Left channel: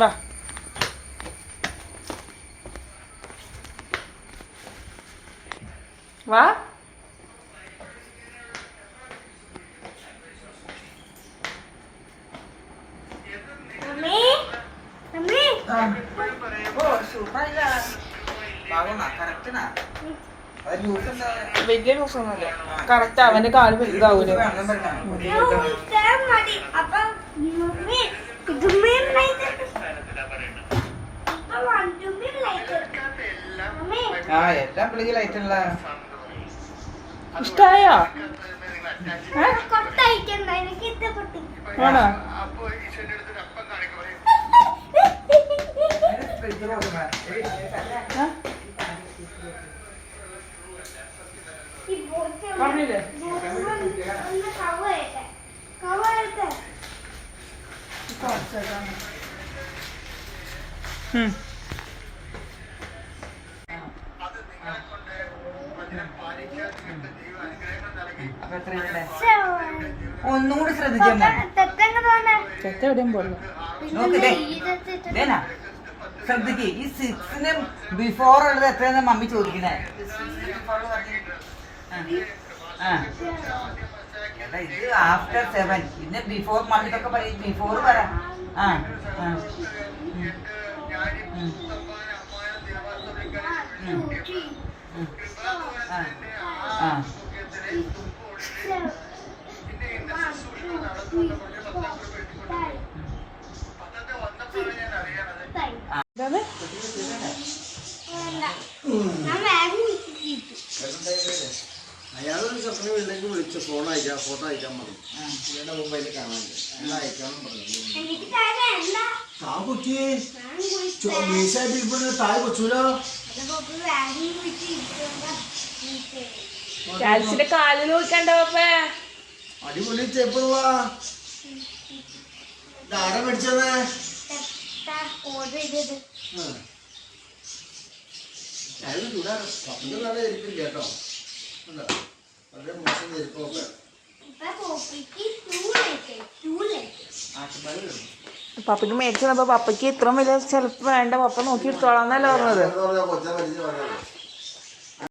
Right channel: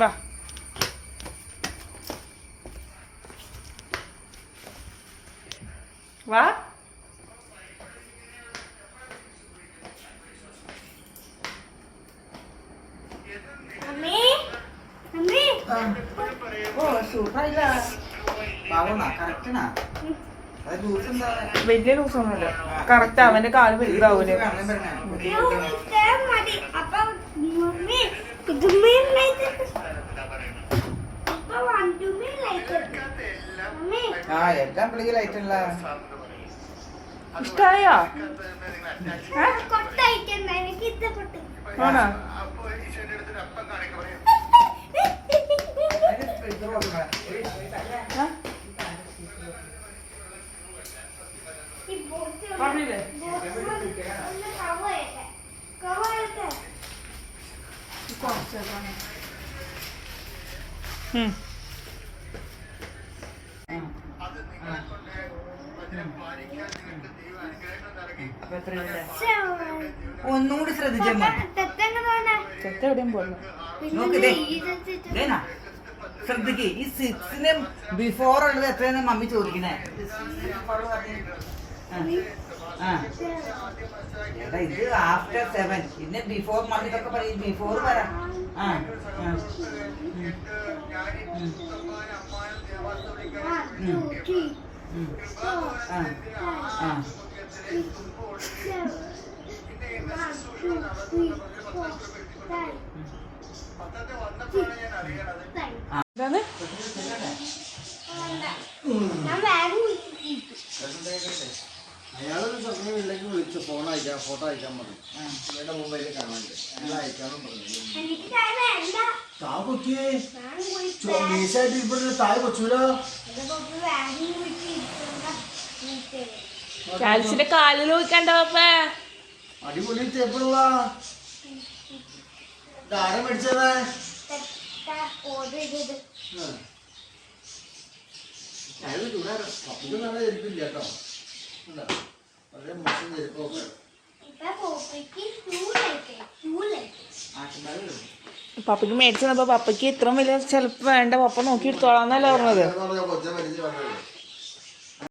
വാ. വാ. വലിയ ലൂസൊന്നുമില്ല. കറക്റ്റ് അവന്റെ കാല് വലുതാവൂലേ. ഇഷ്ടായോ? ആണോ? പറഞ്ഞില്ലേ? ഒന്നുകൂടി ശ്രദ്ധിച്ചാ ചെത്ത എവിടെയും പോലും ശ്രദ്ധിക്ക്. ഈ 6ന് ബിഫോർ ഉള്ളത് എത്രയെന്ന് മമ്മി ചോദിക്കണേ. ഇത് ആഫ്റ്റർ 7. പിന്നെ ബിഫോർ മമ്മിക്കൊക്കെ പറയും. ബിഫോർ പറ. അയാളൊരു സ്വപ്നം ഇല്ലെങ്കിൽ വിളിച്ചു ഫോൺ അയക്കാം, ഫോട്ടോ അയക്കാൻ മതി. എന്റെ മൊബൈലിൽ കാണാനില്ല, എല്ലാം അയക്കാനും പറഞ്ഞു. താഴെ കൊച്ചൂലോ കാലിൽ നോക്കണ്ട. അടിപൊളി ചേപ്പുള്ള ആരെ മേടിച്ചേ? അയാൾ ചൂടാറ് പപ്പയ്ക്ക് നല്ല ചെരുപ്പില്ല കേട്ടോ. വളരെ മോശം ചെരുപ്പൊക്കെ. പപ്പയ്ക്ക് മേടിച്ചപ്പോ പപ്പയ്ക്ക് ഇത്രയും വലിയ ചെലപ്പ് വേണ്ട, പപ്പ നോക്കി എടുത്തോളാന്നല്ലേ പറഞ്ഞത്. കൊച്ചാൻ